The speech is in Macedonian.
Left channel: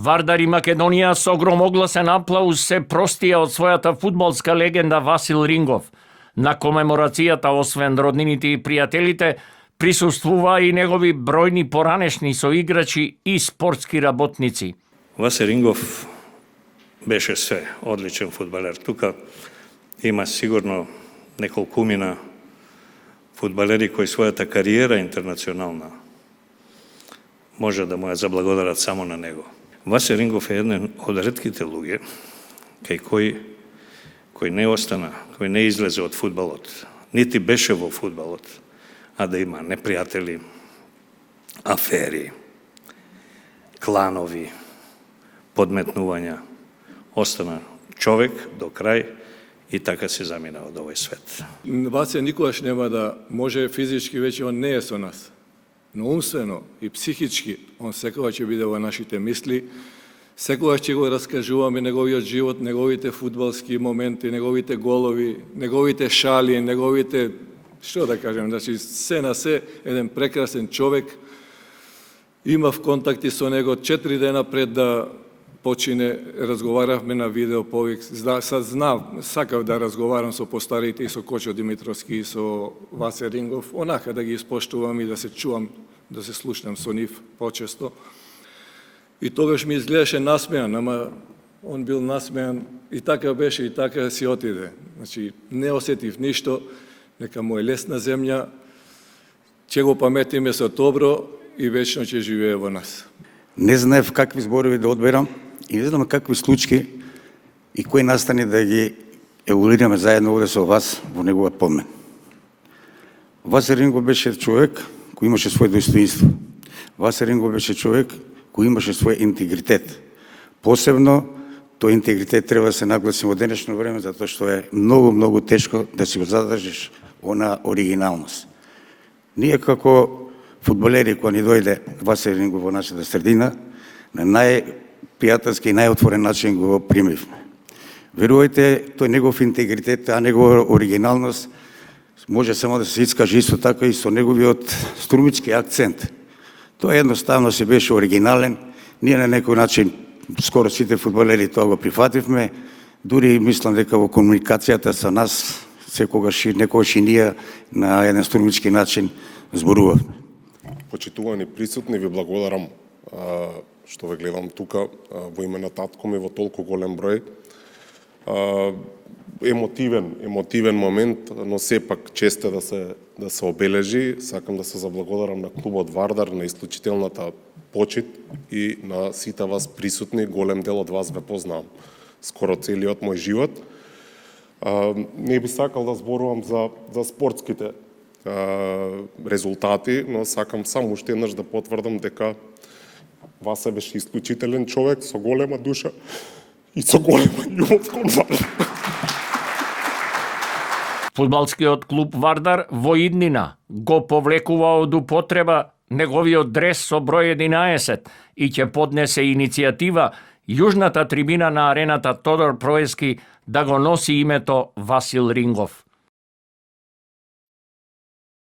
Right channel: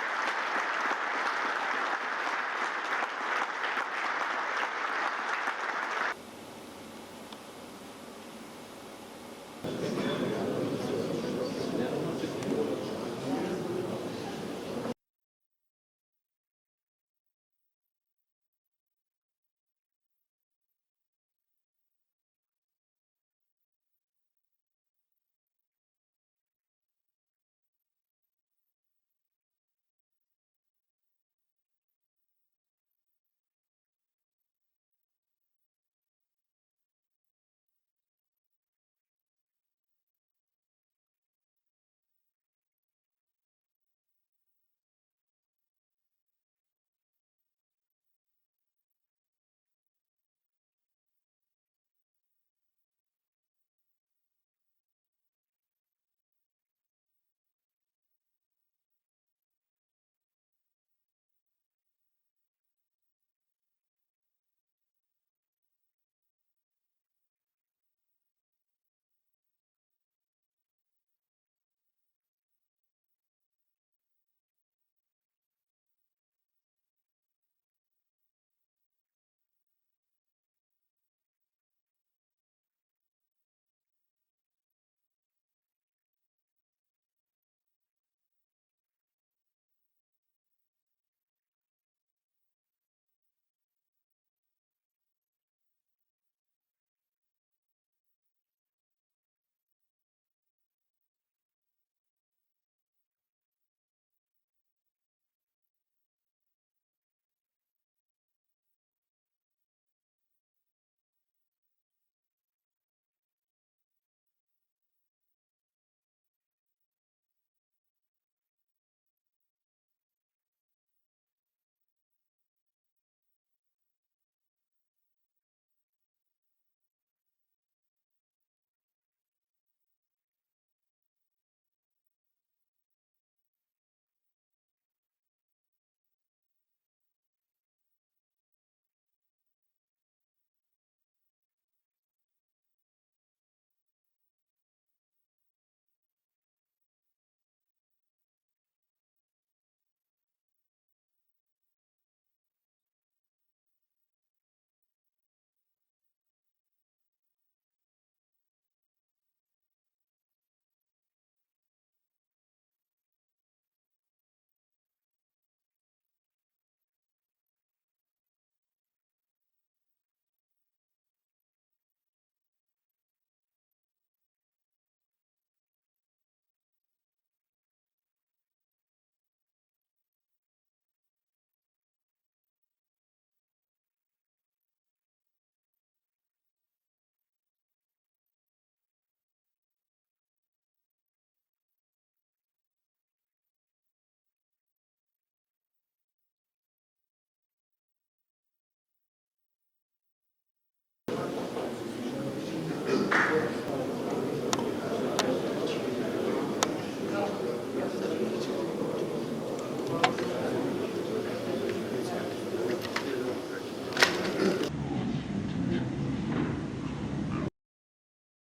Вардар и Македонија со громогласен аплауз се простија од својата фудбалска легенда Васил Рингов. На комеморацијата, освен роднините и пријателите, присуствува и негови бројни поранешни соиграчи и спортски работници. Васил Рингов беше све, одличен фудбалер. Тука има сигурно неколкумина фудбалери кои својата кариера интернационална може да му ја заблагодарат само на него. Васил Рингов е еден од ретките луѓе кој не остана, кој не излезе од фудбалот, нити беше во фудбалот, а да има непријатели, афери, кланови, подметнувања. Остана човек до крај и така се замина од овој свет. Васе никогаш нема да може физички, веќе он не е со нас. Но умствено и психички, он секогаш ќе биде во нашите мисли, секогаш ќе го раскажуваме неговиот живот, неговите фудбалски моменти, неговите голови, неговите шали, неговите, што да кажем, значи се на се, еден прекрасен човек. Имав контакти со него 4 дена пред да почине, разговаравме на видео повик. Сакав да разговарам со постарите и со Кочо Димитровски и со Васе Рингов, онака да ги испоштувам и да се чувам, да се слушнам со нив почесто. И тогаш ми изгледаше насмеан, ама он бил насмеан и така беше, и така си отиде. Значи, не осетив ништо, нека му е лесна земја, ќе го паметиме со добро и вечно ќе живее во нас. Не знаев какви зборови да одберам и не знам какви случки и кои настани да ги еволираме заедно овде со вас во неговиот помен. Васил Рингов беше човек кој имаше свој достоинство. Васил Рингов беше човек кој имаше свој интегритет. Посебно, тој интегритет треба да се нагласи во денешно време, затоа што е многу, многу тешко да си го задржиш она оригиналност. Ние како фудбалери, кога ни дојде Васил Рингов во нашата средина, на најпријателски и најотворен начин го примивме. Верувајте, тој негов интегритет, а негова оригиналност може само да се искаже исто така и со неговиот струмички акцент. Тоа едноставно се беше оригинален. Ние на некој начин, скоро сите фудбалери тоа го прифативме, дури мислам дека во комуникацијата со нас секогаш и ние на еден струмички начин зборувавме. Почитувани присутни, ви благодарам што ве гледам тука во име на татко ми во толку голем број. Емотивен момент, но сепак чест е да се обележи. Сакам да се заблагодарам на клубот Вардар, на исклучителната почит и на сите вас присутни. Голем дел од вас ве познавам скоро целиот мој живот. Не би сакал да зборувам за спортските резултати, но сакам само уште еднаш да потврдам дека Васе беше исклучителен човек со голема душа и со голема љубов кон Вардар. Фудбалскиот клуб Вардар во иднина го повлекува од употреба неговиот дрес со број 11 и ќе поднесе иницијатива јужната трибина на арената Тодор Проески да го носи името Васил Рингов.